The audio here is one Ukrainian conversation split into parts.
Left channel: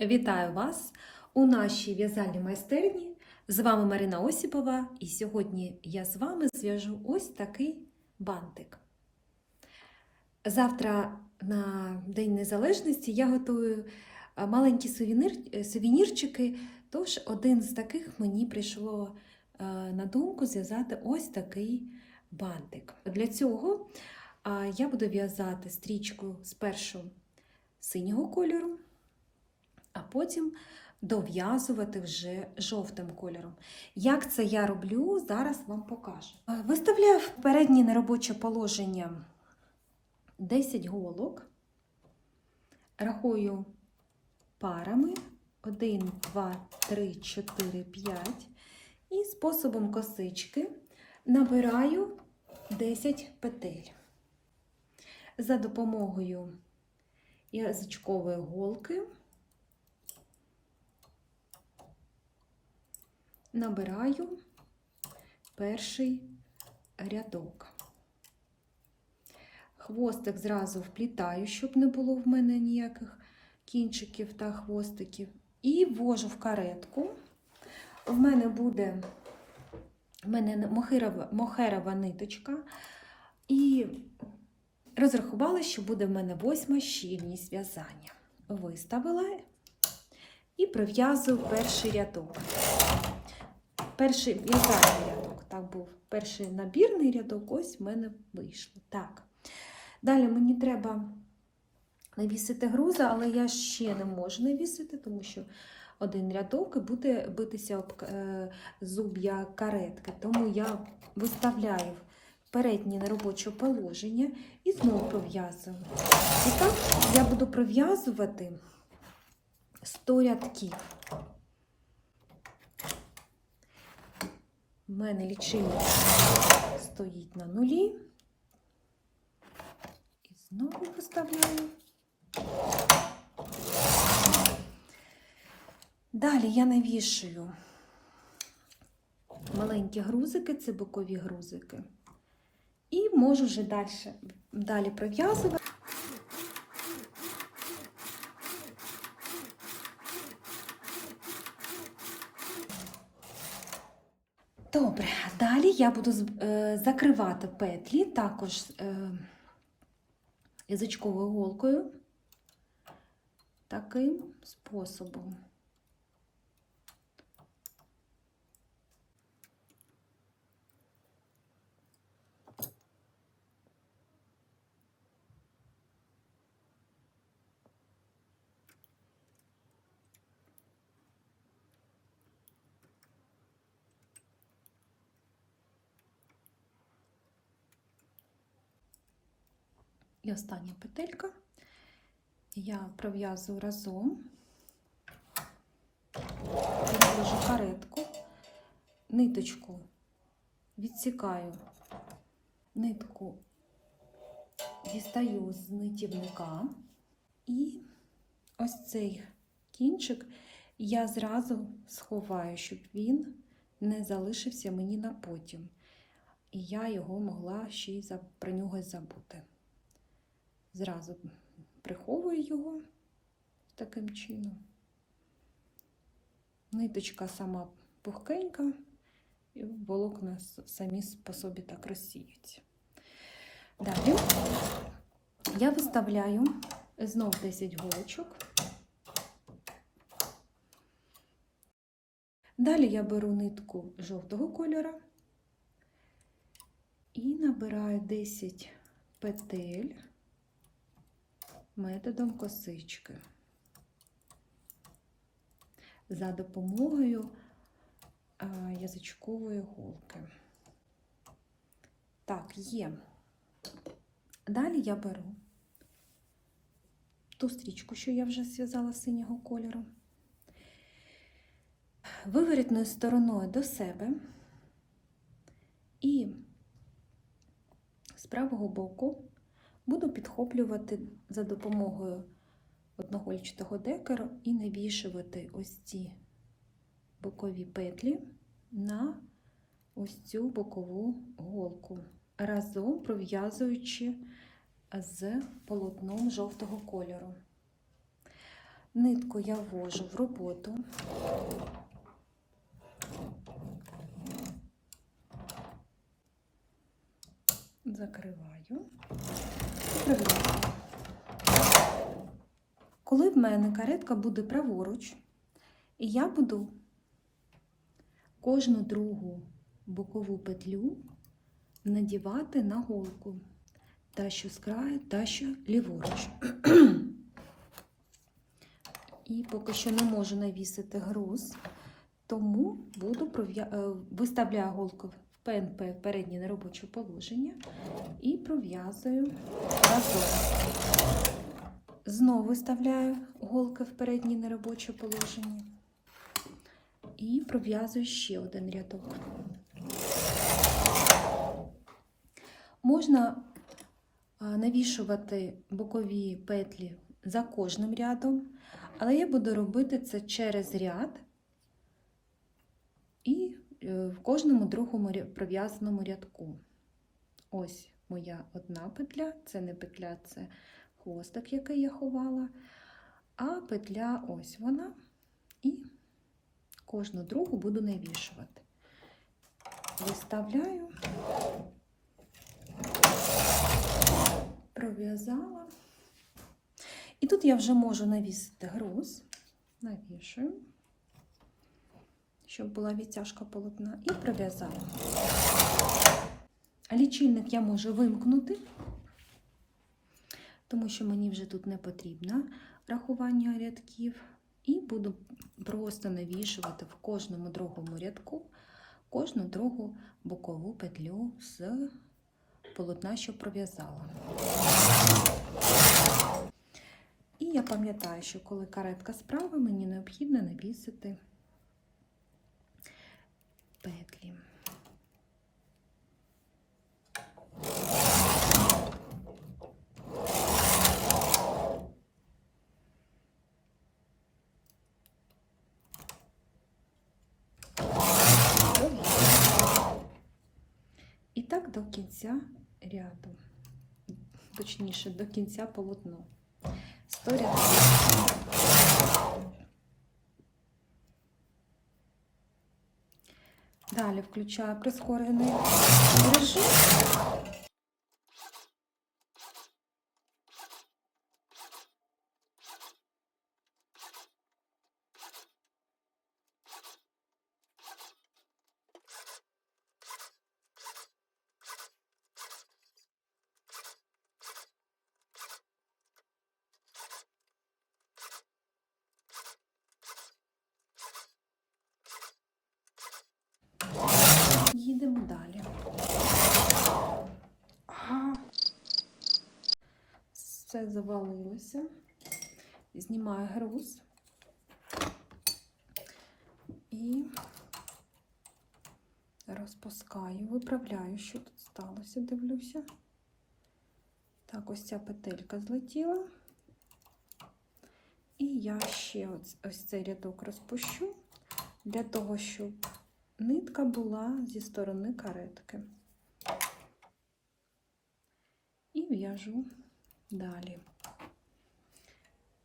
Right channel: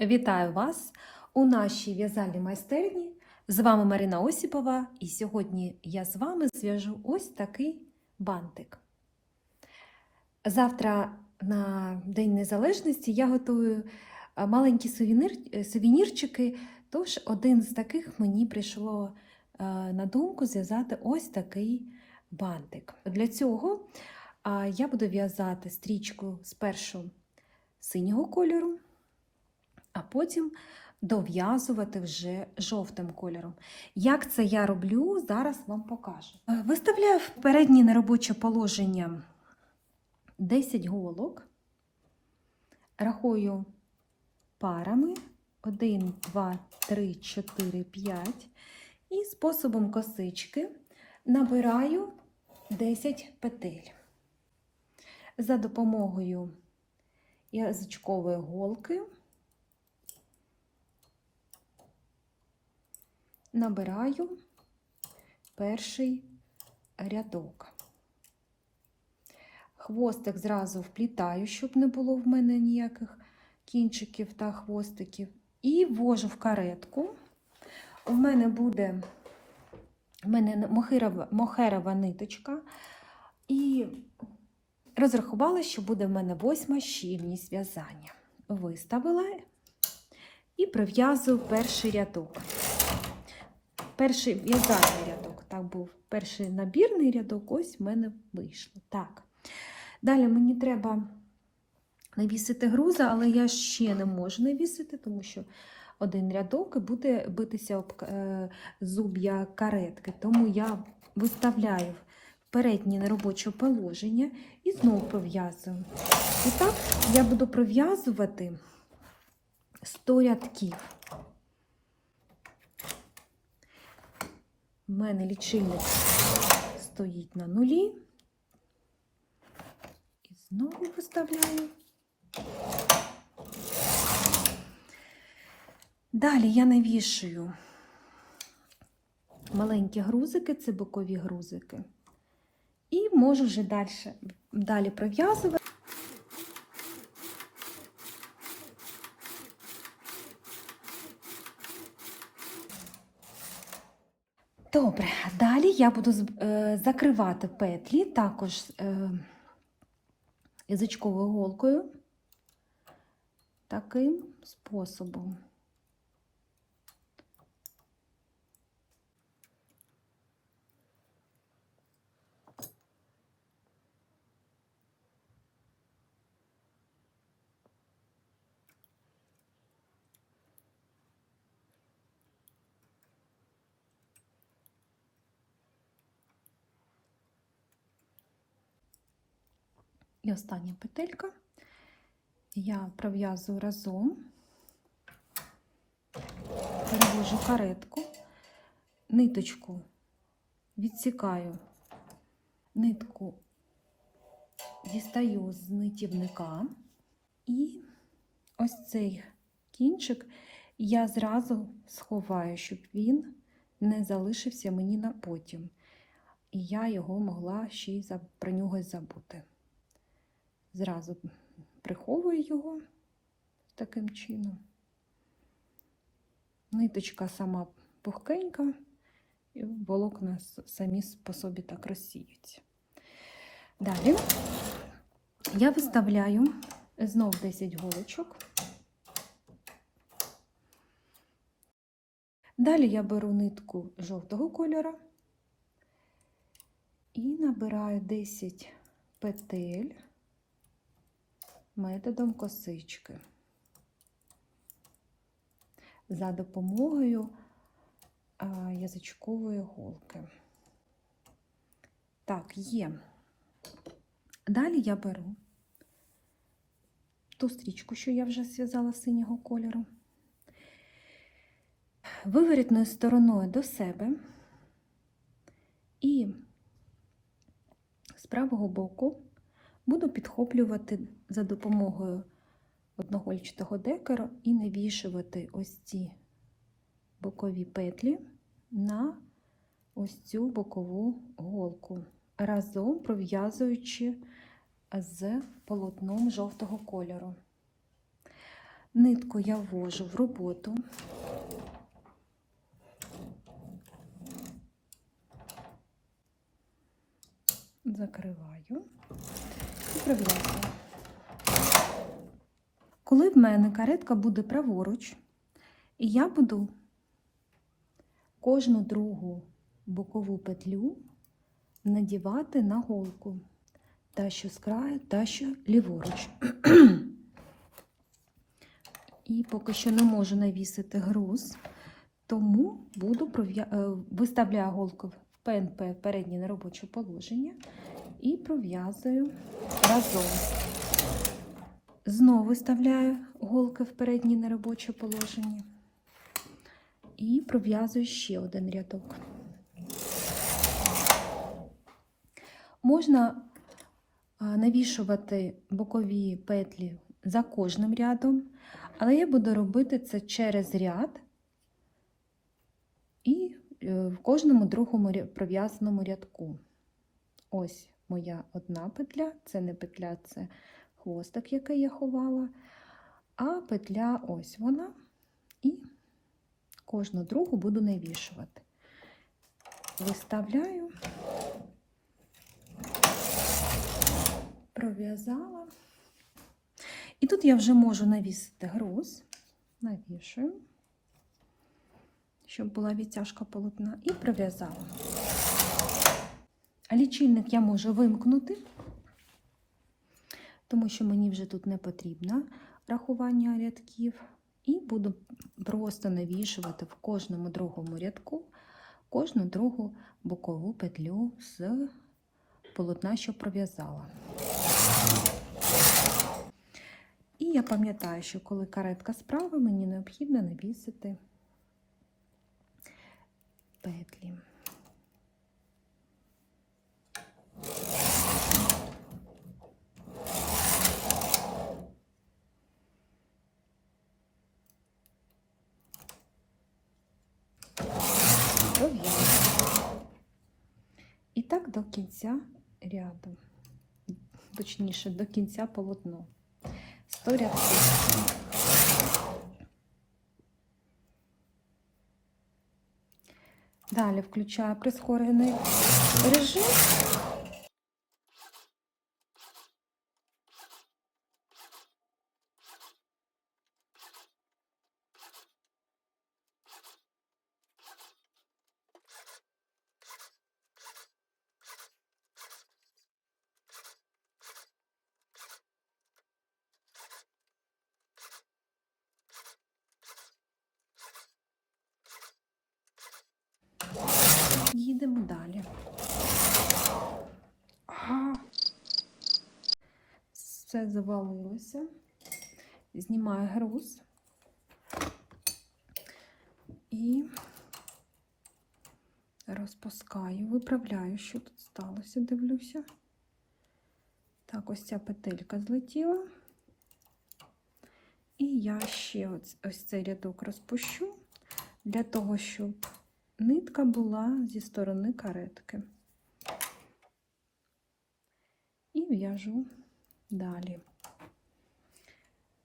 Вітаю вас у нашій в'язальній майстерні. З вами Марина Осіпова, і сьогодні я з вами зв'яжу ось такий бантик. Завтра на День Незалежності я готую е, маленькі сувенір, сувенірчики, тож один з таких мені прийшло е, на думку зв'язати ось такий бантик. Для цього е, я буду в'язати стрічку спершу синього кольору а потім дов'язувати вже жовтим кольором. Як це я роблю, зараз вам покажу. Е, Виставляю в переднє неробоче положення 10 голок, рахую парами 1, 2, 3, 4, 5 і способом косички набираю 10 петель. За допомогою язичкової голки набираю перший рядок. Хвостик зразу вплітаю, щоб не було в мене ніяких кінчиків та хвостиків. І ввожу в каретку. У мене буде в мене мохерова, мохерова ниточка. І розрахувала, що буде в мене восьма щільність в'язання. Виставила і пров'язую перший рядок перший в'язальний рядок, так був перший набірний рядок, ось в мене вийшло. Так. Далі мені треба навісити груза, але я ще не можу навісити, тому що один рядок і буде битися об е, зуб'я каретки. Тому я виставляю переднє неробоче положення і знову пров'язую. І так я буду пров'язувати 100 рядків. У мене лічильник стоїть на нулі. І знову виставляю. Далі я навішую маленькі грузики, це бокові грузики. І можу вже далі, далі пров'язувати. Добре, далі я буду е, закривати петлі також е, язичковою голкою таким способом. І остання петелька. Я пров'язую разом, перевожу каретку, ниточку відсікаю, нитку дістаю з нитівника, і ось цей кінчик я зразу сховаю, щоб він не залишився мені на потім. І я його могла ще й про нього забути зразу приховую його таким чином. Ниточка сама пухкенька, і волокна самі по собі так розсіються. Далі я виставляю знов 10 голочок. Далі я беру нитку жовтого кольора і набираю 10 петель методом косички за допомогою язичкової голки. Так, є. Далі я беру ту стрічку, що я вже зв'язала синього кольору, виворітною стороною до себе і з правого боку буду підхоплювати за допомогою одногольчатого декора і навішувати ось ці бокові петлі на ось цю бокову голку, разом пров'язуючи з полотном жовтого кольору. Нитку я ввожу в роботу. Закриваю прив'язую. Коли в мене каретка буде праворуч, і я буду кожну другу бокову петлю надівати на голку, та що з краю, та що ліворуч. І поки що не можу навісити груз, тому буду е, виставляю голку ПНП переднє неробоче положення і пров'язую разом. Знову виставляю голки в переднє неробоче положення і пров'язую ще один рядок. Можна навішувати бокові петлі за кожним рядом, але я буду робити це через ряд і в кожному другому пров'язаному рядку. Ось моя одна петля, це не петля, це хвостик, який я ховала, а петля ось вона, і кожну другу буду навішувати. Виставляю, пров'язала. І тут я вже можу навісити груз, навішую, щоб була відтяжка полотна, і пров'язала. А лічильник я можу вимкнути, тому що мені вже тут не потрібно рахування рядків. І буду просто навішувати в кожному другому рядку кожну другу бокову петлю з полотна, що пров'язала. І я пам'ятаю, що коли каретка справа, мені необхідно навісити петлі. Пров'язую. І так до кінця ряду, точніше, до кінця полотна. 100 рядків. Далі включаю прискорений режим. Їдемо далі. А, Все завалилося. Знімаю груз і розпускаю, виправляю, що тут сталося, дивлюся. Так, ось ця петелька злетіла. І я ще ось, ось цей рядок розпущу для того, щоб нитка була зі сторони каретки. І в'яжу далі.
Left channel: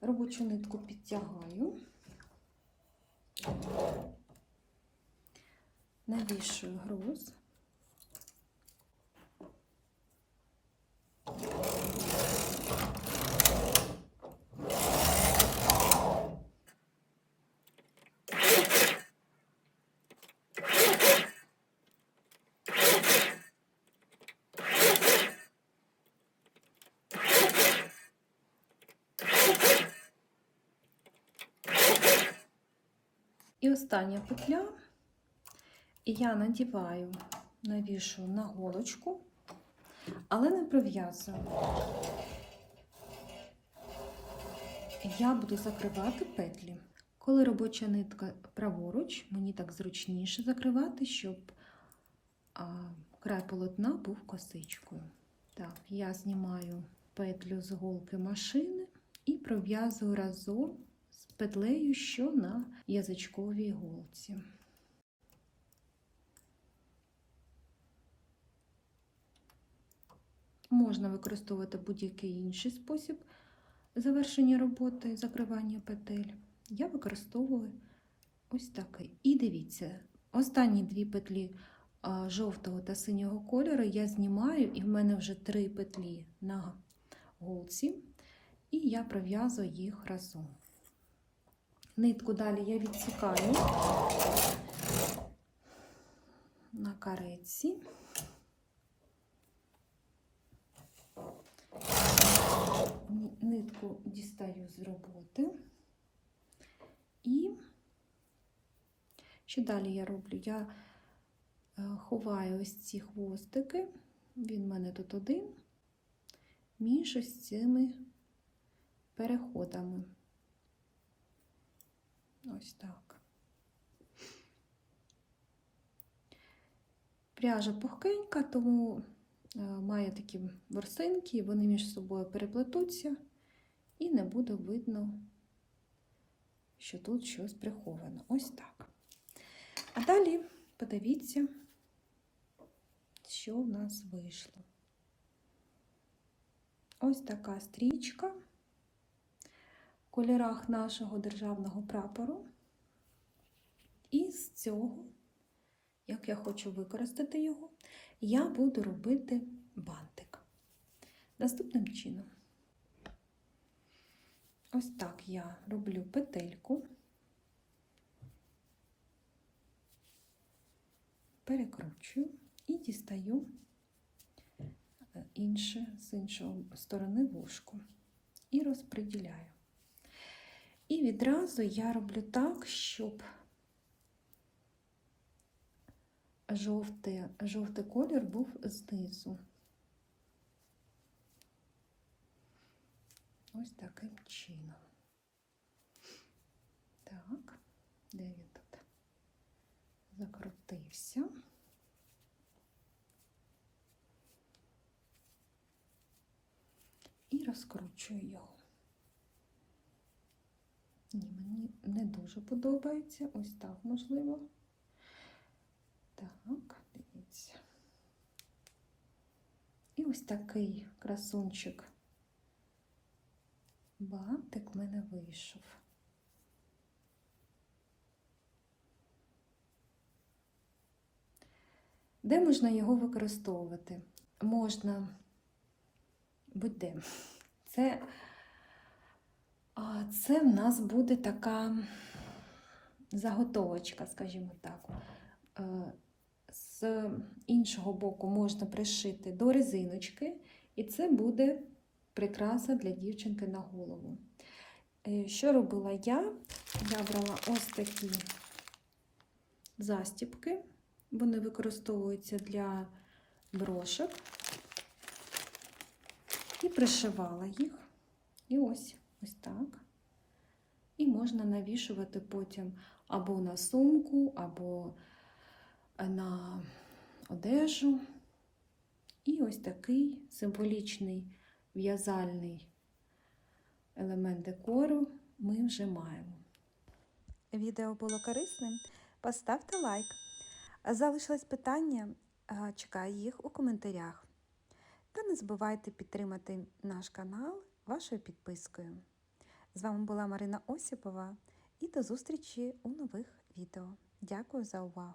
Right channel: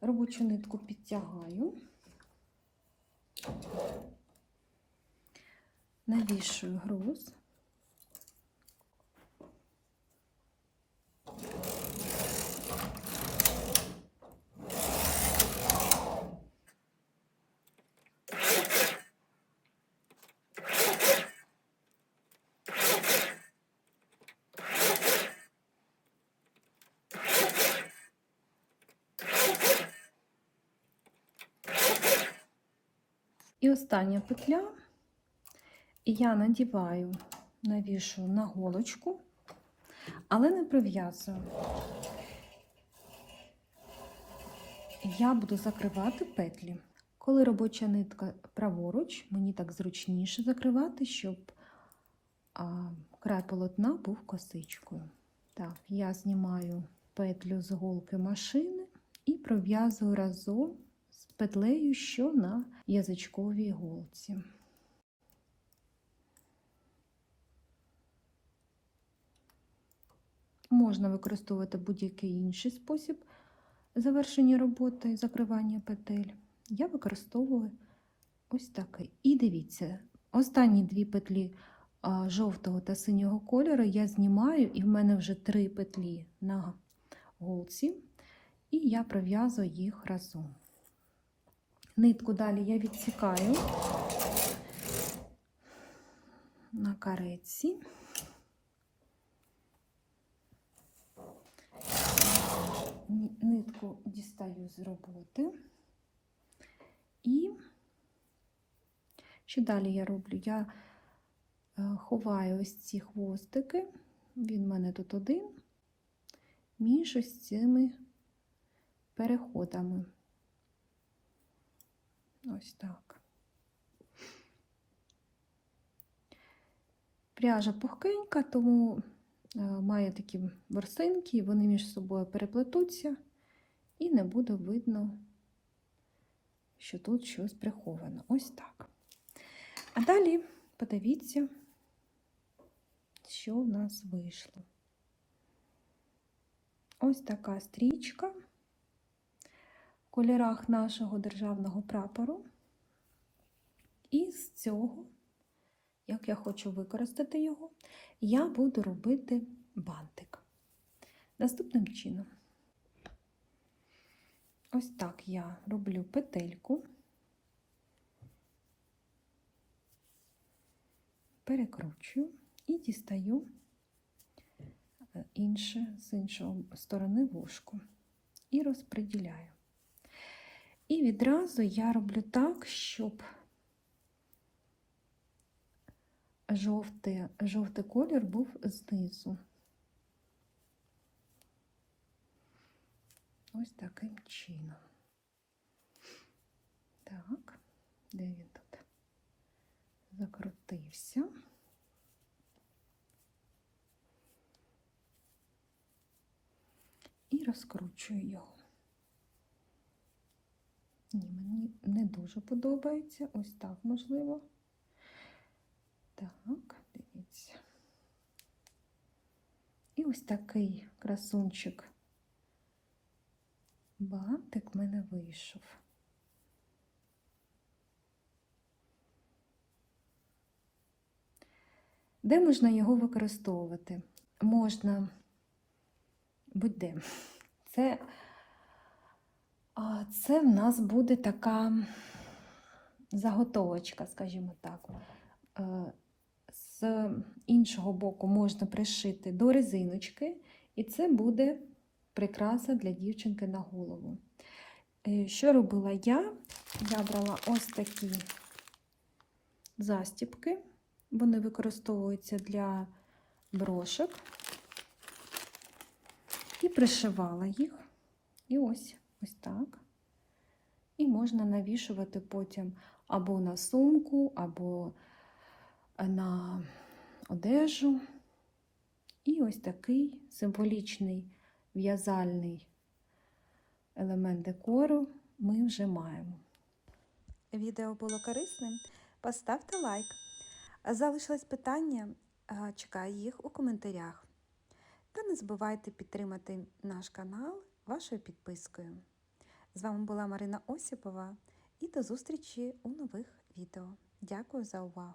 Робочу нитку підтягаю, навішую груз. Остання петля, і я надіваю, навішую на голочку, але не пров'язую. Я буду закривати петлі. Коли робоча нитка праворуч, мені так зручніше закривати, щоб а, край полотна був косичкою. Так, я знімаю петлю з голки машини і пров'язую разом петлею, що на язичковій голці. Можна використовувати будь-який інший спосіб завершення роботи, закривання петель, я використовую ось такий. І дивіться, останні дві петлі жовтого та синього кольору я знімаю, і в мене вже три петлі на голці, і я пров'язую їх разом. Нитку далі я відсікаю на кареці. Нитку дістаю з роботи. І що далі я роблю? Я е, ховаю ось ці хвостики, він в мене тут один, між ось цими переходами. Ось так. Пряжа пухкенька, тому е, має такі ворсинки, вони між собою переплетуться, і не буде видно, що тут щось приховано. Ось так. А далі подивіться, що в нас вийшло. Ось така стрічка кольорах нашого державного прапору. І з цього, як я хочу використати його, я буду робити бантик. Наступним чином. Ось так я роблю петельку, перекручую і дістаю е, інше з іншої сторони вушку і розподіляю. І відразу я роблю так, щоб жовтий, жовтий колір був знизу. Ось таким чином. Так, де він тут закрутився. І розкручую його. Ні, мені не дуже подобається. Ось так можливо. Так, дивіться. І ось такий красунчик бантик в мене вийшов. Де можна його використовувати? Можна будь-де. Це, це в нас буде така заготовочка, скажімо так. Е, З іншого боку можна пришити до резиночки, і це буде прикраса для дівчинки на голову. Е, Що робила я? Я ось такі застіпки. Вони використовуються для брошок. І пришивала їх. І ось ось так. І можна навішувати потім або на сумку, або на одежу. І ось такий символічний в'язальний елемент декору ми вже маємо. Відео було корисним? Поставте лайк. Залишилось питання, а, чекаю їх у коментарях. Та не забувайте підтримати наш канал вашою підпискою. З вами була Марина Осіпова і до зустрічі у нових відео. Дякую за увагу!